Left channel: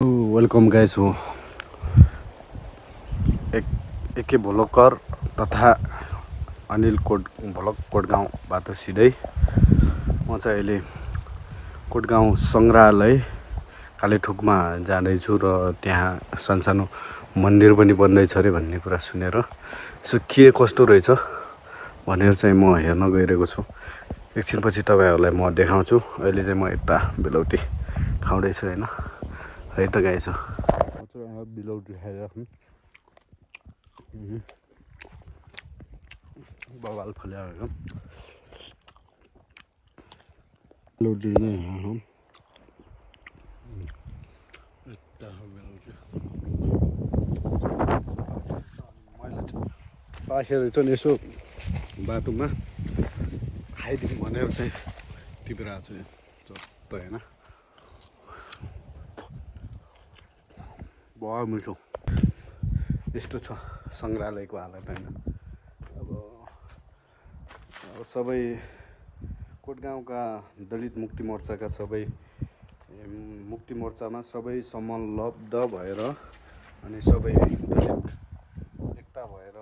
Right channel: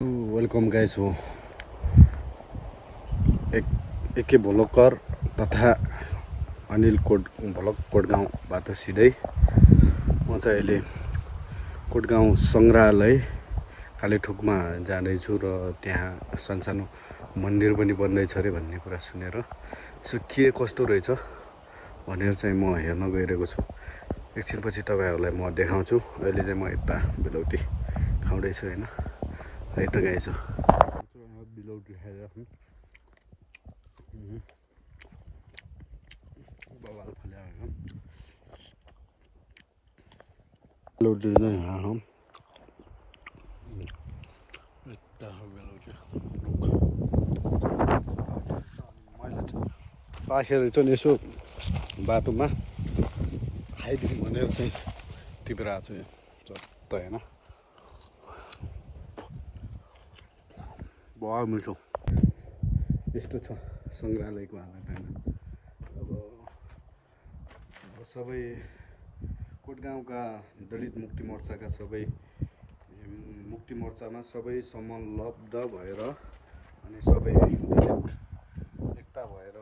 Welcome guys हो A K भोलकर तथा अनिल भोलक कोटगाउँबाट सिधै म चाहिँ अहिले कोटगाउँ संग्रहालय कालेठोकमा जाँदैछु र त्यहाँ सानसानो मन्दिर पनि बन्दैछ अरे भन्ने कुरा सुनेर यसो के कस्तो रहेछ भनेर चाहिँ म हेर्न गइरहेको छु। एकछिनपछि तपाईहरुलाई म देखाउँछु। अहिले चाहिँ म यता बेलौटी खाउँदैछु हैन। है त गाइस बेलौटी खाइरहेको बवाल फल्याएको बेलौटी नै यहाँ हो। यता हो बेलौटी मैले पाखेर चाहिँ यसो बाटोमा खाइदिउँ भनेर चाहिँ टिपेर आएको छु चट्ट हैन। बहुत मिठो यस्तो छ संग्रहालयको हालत हैन। अब सबै कोटगाउँका दलित मुक्ति मोर्चाका सबै मुक्ति मोर्चामा सबै संलग्न भएर अनि सबै दलित एकता भएर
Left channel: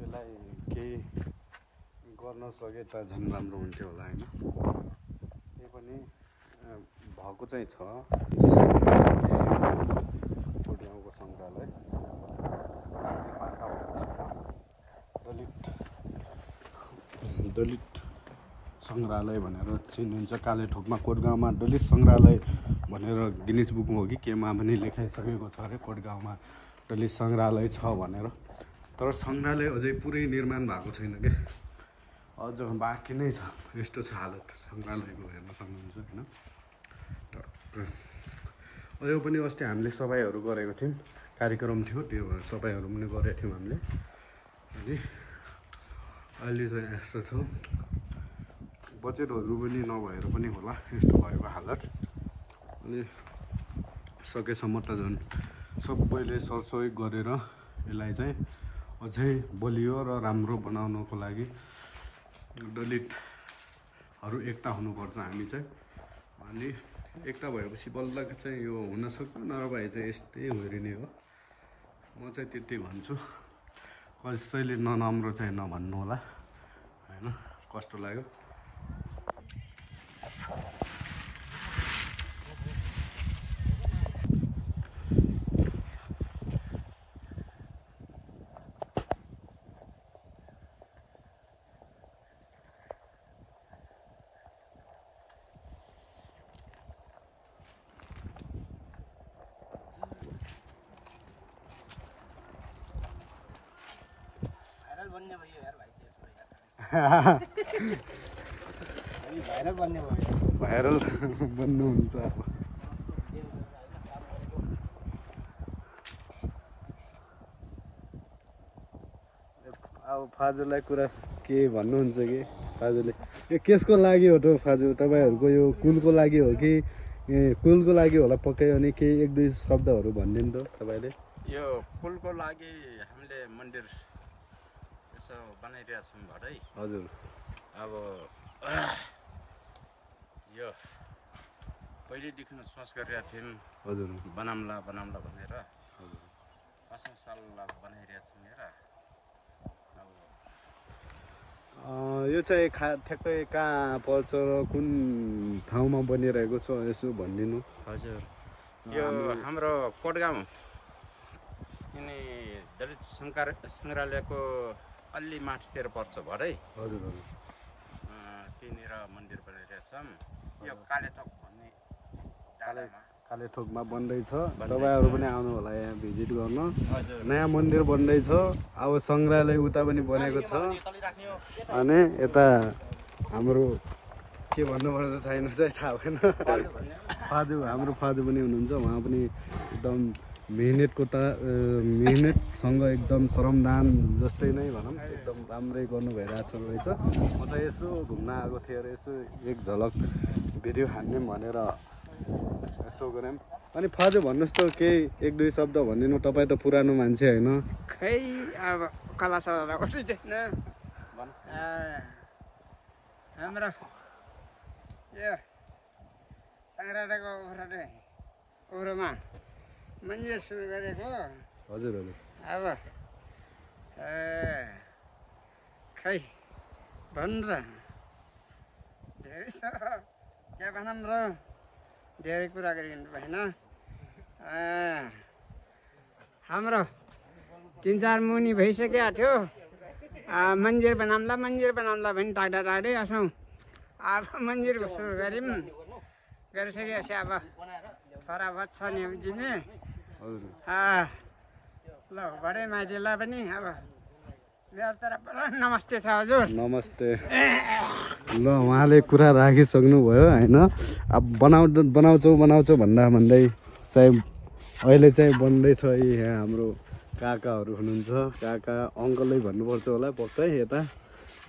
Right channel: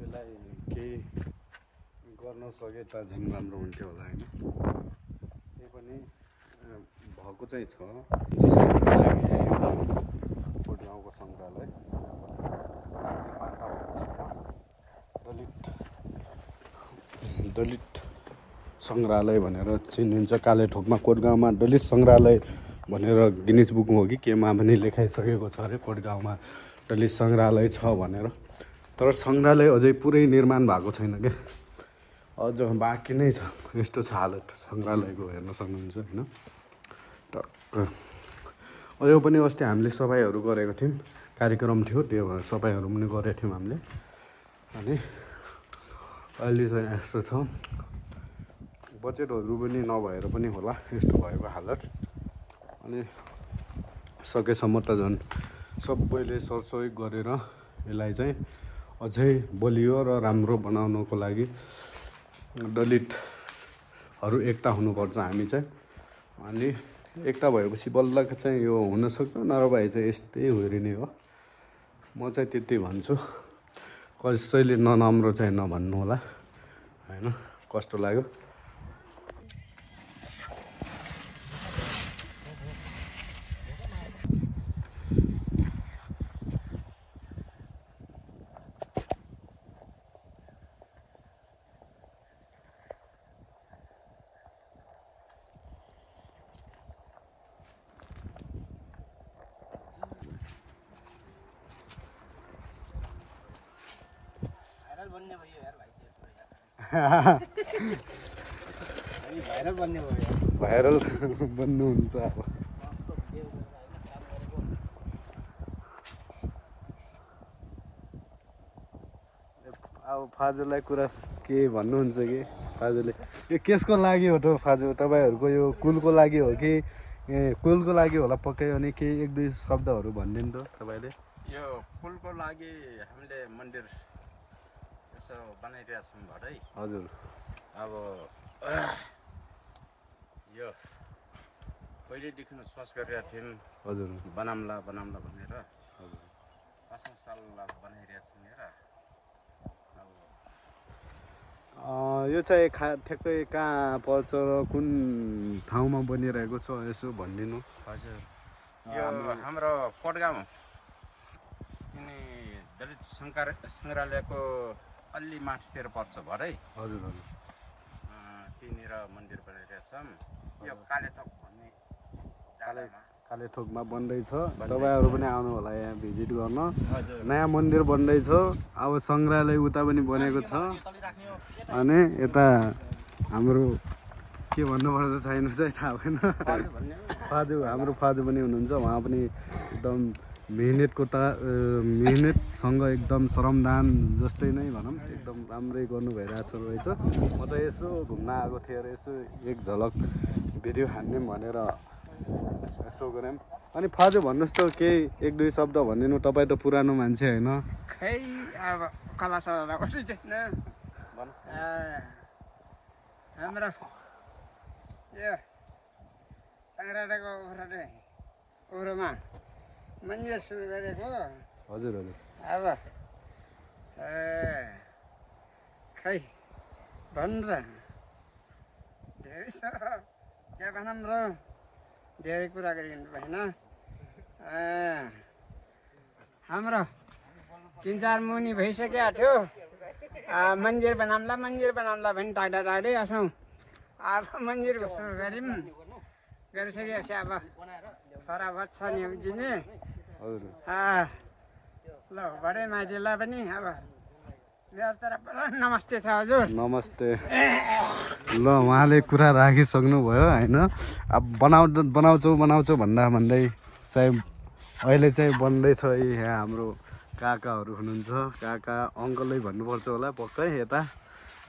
यसलाई केही गर्न सके त झन् राम्रो हुन्थ्यो होला हैन। त्यही पनि भएको चाहिँ छ कोटगाउँको संग्रहालय दलित संग्रहालय भनेर चिनिन्छ। कालेठोकमा कोटगाउँमा दलित संग्रहालय भनेर गिनिज बुक हो कि केमा पनि लेखाइसकेको छ अरे कोटगाउँमा दलित संग्रहालय छ भनेर। तर संग्रहालय अझै पुरै निर्माण भएको छैन के, अझ बाँकी नै छ। यस्तो छ हालत संग्रहालयको हेर्न सक्नुहुन्छ हैन। टक्क अझै पनि अस्ति हामीले सफाइहरू गरेको थियौँ, कार्यक्रम थियो त्यो भएर सफाइहरू पनि गरेको थियौँ हामीले। अनि अहिले चाहिँ यस्तो छ बजेटहरू पनि नभएर पनि होला यस्तो भएको हालत। अनि सकेसम्म त झन् सबैले सरसहयोग गरेर यसलाई चाहिँ अझै बलियो र राम्रो बनाउनको लागि दलितहरू एकता हुनुपर्छ हामी चाहिँ। अनि एकता भएपछि बल्ल चाहिँ यो हुनसक्छ, नभए चाहिँ यस्तै हुरिने हो। म चाहिँ त्यति भन्छु। कसैले नराम्रो चाहिँ नभन्नु होला हैन। कस्तो लाग्यो भाइरल बन्नुहुन्छ अब। अब फाजुलाई कुरा के भन्नुहुन्छ कि फाजुले यो केसको लागि हो त फाजु तपाईहरुको यो कुलको लागि हो कि कुलको लागि होला पक्कै। अनि केही एक दुई शब्दहरू भनिदिनु त तपाईले। यो कुलको लागि हामीले मन्दिर यसो बनाइरहेका छौँ भरै। हजुर अब यो पहिलेदेखि सोच गरिरहेका थियौँ हजुर बनाउँला भनेर। हजुर 5औं साल बनाइरहेका छौँ हेर। यो चाहिँ ठ्याक्कै कहाँ पर्छ र कुन ठाउँमा बनिरहेको छ यसो भनिदिनु। हजुर यो हाम्रो कोटगाउँ यिनी दलित सङ्ग्रहालयको अलि माथितिर पर्छ भरै। हजुर हजुर त्यहीँनिर मन्दिर बनाइरहेका छौँ। यो कालेथोक भन्ने कालेथोकमा बन्दैछ। तपाईहरु पनि आउनु होला यहाँ भिजिट गर्न। नयाँ मन्दिर बन्दैछ। अब संग्रहालय उता पनि बनेको छ। अनि यता हाम्रो के भन्नुपर्छ छैन चाहिँ थाहा भएन। फाजु हाम्रो फाजु पनि हुनुहुन्छ। उहाँ पनि एकदम मेहनतसँग एकदम श्रमदान जस्तै नै भनौँ एकदम राम्रै गर्नु भइरहेको रहेछ। म त यसो घुम्न आएको थिएँ र यसो एक झलक भिडियो हान्ने भनेर यसो गऱ्यौँ। अनि फाजु भन्नुहोस् त केही एक दुई शब्द भनिदिनु। तपाईँ त पुरानो मान्छे होइन। खै अब कला सला कसरी छैन हाम्रो यो सङ्ग्रहालयको कोरोमा मन्दिर सुरु गरेको हजुर हजुर अब खै भन्नु र धेरै छ क्या भनौँ र धेरै कुरा गरिनु भएन हाम्रो 3-4 मुनि भइसकेको थियो मन्दिर बनाउँला भनी टाढा असौँ अब मन्दिरको सुरु गऱ्यौँ गरिसकेपछि अब छोरा बच्चा नि दिने ल बडे माइतीलाई पनि अब मेरो तर्फबाट नमस्ते छ हजुर नमस्ते ल उहाँले कुरा राखिसक्नुभयो होइन अब बनाउँछौ भन्दै चाहिँ अहिले चाहिँ बन्दैछ यहाँ हाम्रो काकाहरू हुनुहुन्छ काका अङ्कलै भन्नुपर्छ होला पक्कै यता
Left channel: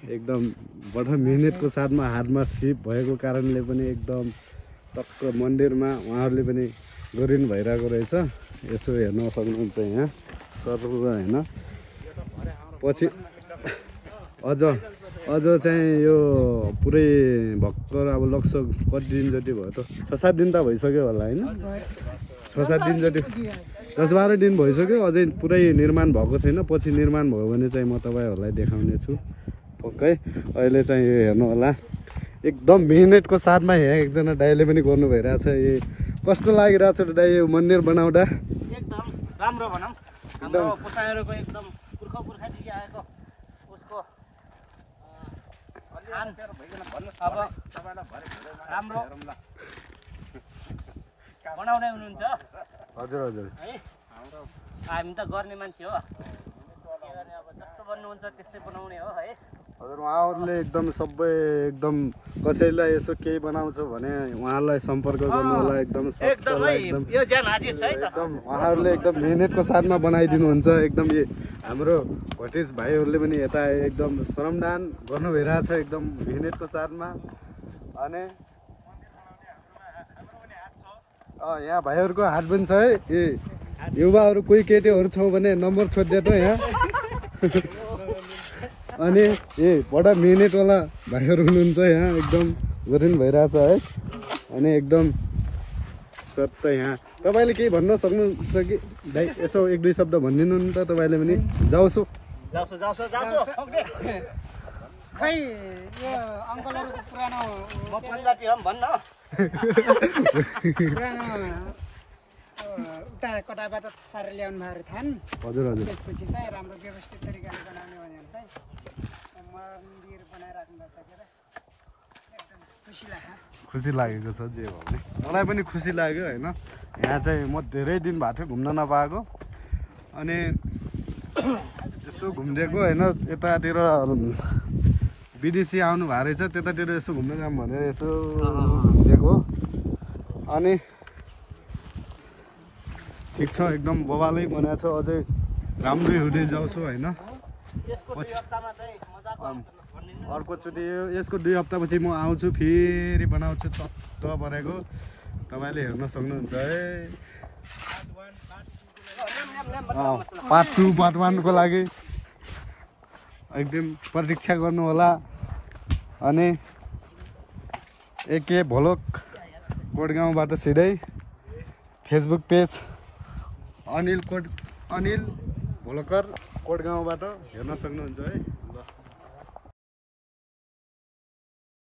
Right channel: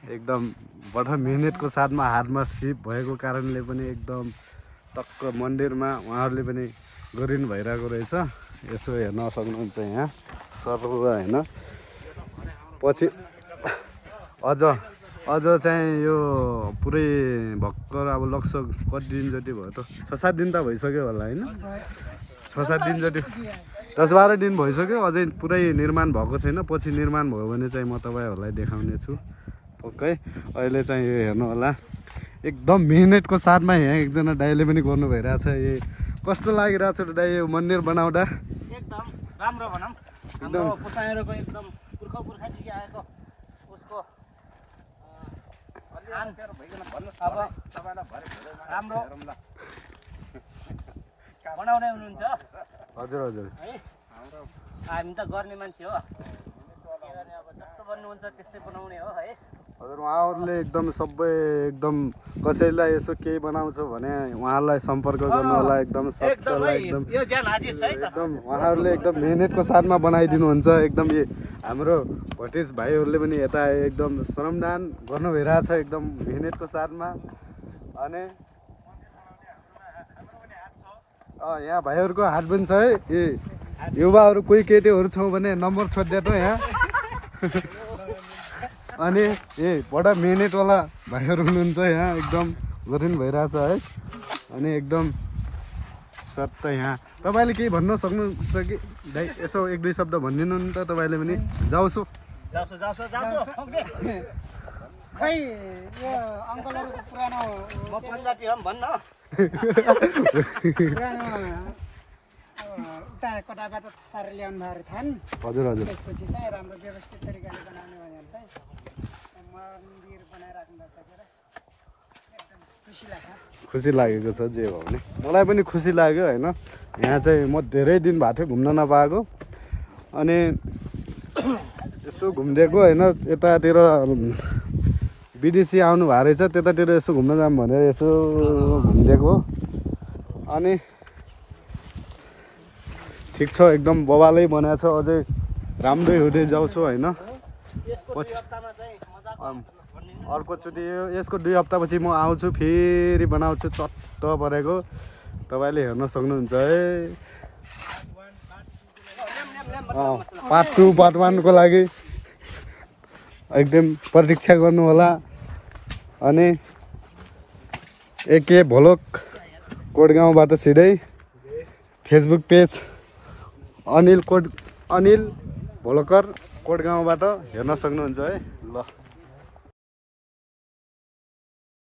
एकदम बडा मिहिनेतको साथमा हातमा सिप भएको कारणले पनि एकदम टक्क मन्दिरमा उहाँहरूले पनि गरिनु भइरहेको रहेछ यसो हेर्न सक्नुहुन्छ यहाँ सर होइन पछि अझ चाहिँ यो पुरै भर्खर अब लगभग कति दिन जति भयो त 6-7 दिन त भइसक्यो होला होइन 6-7 दिन जति 10-12 दिन भइसक्यो अझै पुरै निर्माण भएको छैन पछि निर्माण भयो भने चाहिँ म तपाईँहरूलाई देखाउने छु पक्कै अहिले चाहिँ यो हेर्नु होला एकदम मिहिनेतको साथमा यहाँ एकजना दाइले पनि गर्नु भइरहेछ ए कस्तो लागिरहेछ त दाइ यो मन्दिर बनाउँदा एकदम राम्रो भनौँ हाम्रो पुर्खाहरूको एकदम पुर्खादेखि आएको उसको अब राम्रो बनाउने हुनुहुन्छ हजुर हजुर है हामी त गर्ने मान्छे हो अब जस्तो भन्नुहुन्छ त्यस्तै बनाउने हो है हजुर उहाँहरूले एकदम सबै एकदम कसैलाई यसो केही बनाउँछ भने उहाँलाई सम्पर्क गर्नु होला एकदम यो ज्यान हाजिर छ है त एकदम उहाँहरूले एकदम मिहिनेतको साथमा बनाइदिनुहुन्छ एकदम हाम्रो भतिज भाइहरूले पनि यता एकदम श्रमदान गर्नु भइरहेछ एकदम मिहिनेतको साथमा अनि यहाँ भाइहरूको हात पनि छ है ए युवाहरू कोही केटीहरू छौँ भने नम्बर छोडिदिए त यहाँ अनि बडा मिहिनेतवाला भाइहरू हुनुहुन्छ यहाँ एकदम गरिनु भइरहेछ है अनि एकदम सत्य यहाँ तपाईँले केही भन्न सक्नुहुन्छ कि दाइ यसो 1-2 शब्द भनिदिनु नि त तपाईँले पनि जाउँछु खै यो अङ्कलहरूको पुरानो भन्न पुरानो उता कताबाट सारेर ल्याउनु भएको थाहा हजुर हजुर त्यसपछि चाहिँ राम्रो व्यवस्थित तरिकाले बनाउने भनेर चाहिँ मन्दिर बनाइराख्नु सकेर एकदम खुसी लाग्छ खुसी लागेको छ जे भयो भने मलाई पनि खुसी लाग्यो होइन यहाँ चाहिँ म धेरै दिन भएको थियो घुम्न नपाएको अनि यसो घुमिदिएको होइन यतातिर विदेशी आउनु भएको रहेछ त्यतातिर यसो घुम्न जाऊँ भनेर यसो घुमिदिएको हो अनि ठिक छ एकदम बबालै बनाएको छ अझै राम्रै हुँदै जाउँछु होइन पछि अर्कोचोटि यसको 2 हप्तापछि म आउँछु फेरि बनाउँछु चट्ट परेको तपाईँले हेर्न सक्नुहुन्छ है पार्ट 2 पार्ट 1 को लागि एकदम प्रतीक्षा गर्नु होला अनि एके भोलक कोटगाउँबाट सिधै फेसबुक पेज अनिल भोलकर कोटगाउँबाट हेर्न सक्नुहुन्छ है ल